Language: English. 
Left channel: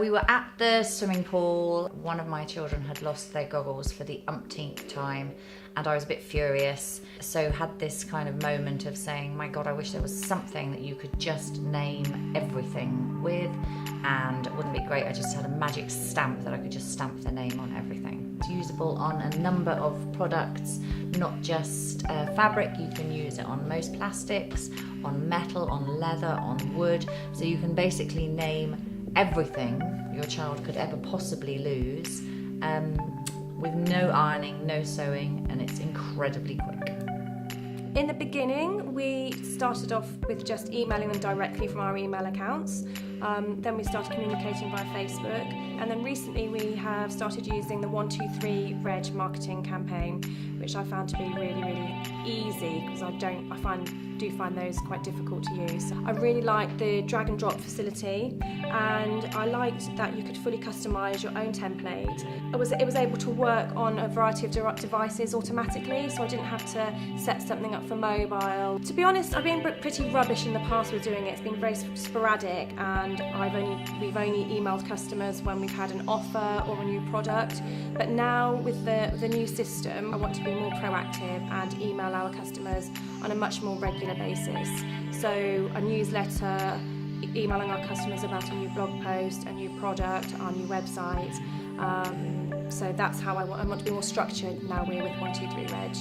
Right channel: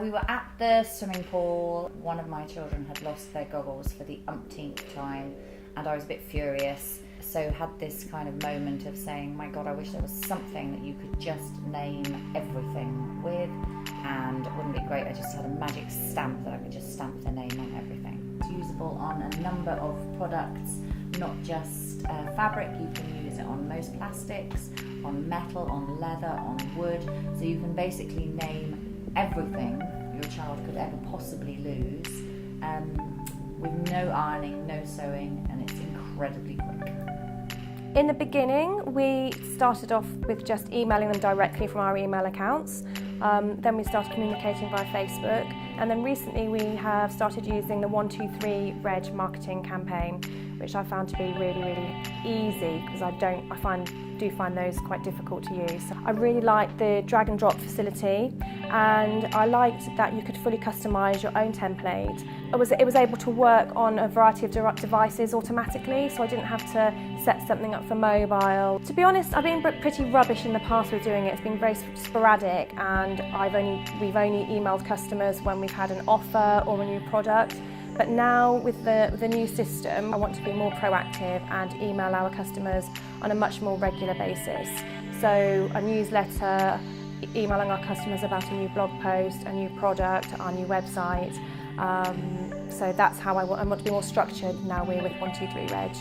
We were at the swimming pool. One of my children had lost their goggles for the umpteenth time, and I was a bit furious. So had this kind of moment of saying, my God, I wish there was something that you could just name everything with, and wouldn't it be great? I just had a magic stamp that I could just stamp the name on everything. It's usable on a number of products, not just fabric. You can use it on most plastics, on metal, on leather, on wood. So you can basically name everything your child could ever possibly lose, with no ironing, no sewing, and it's incredibly quick. In the beginning, we started off with just emailing them directly from our email accounts. Then we started communicating via Facebook, and then recently we have started using the 123 Reg marketing campaign, which I found to be really, really easy, because I do find those quite difficult to use. I really liked the drag and drop facility, and I liked that you could fully customise your own template. It was able to work on a variety of devices automatically, so I didn't have to set something up for mobile. To be honest, I've been pretty rubbish in the past with doing it. It's been very sporadic, and we've only emailed customers when we've had an offer or a new product. But now with the new system, I want to be more proactive and email our customers on a much more regular basis. So a newsletter, emailing our customers about a new blog post, a new product, our new website. So that's how I want to be more structured now we're with 123 Reg.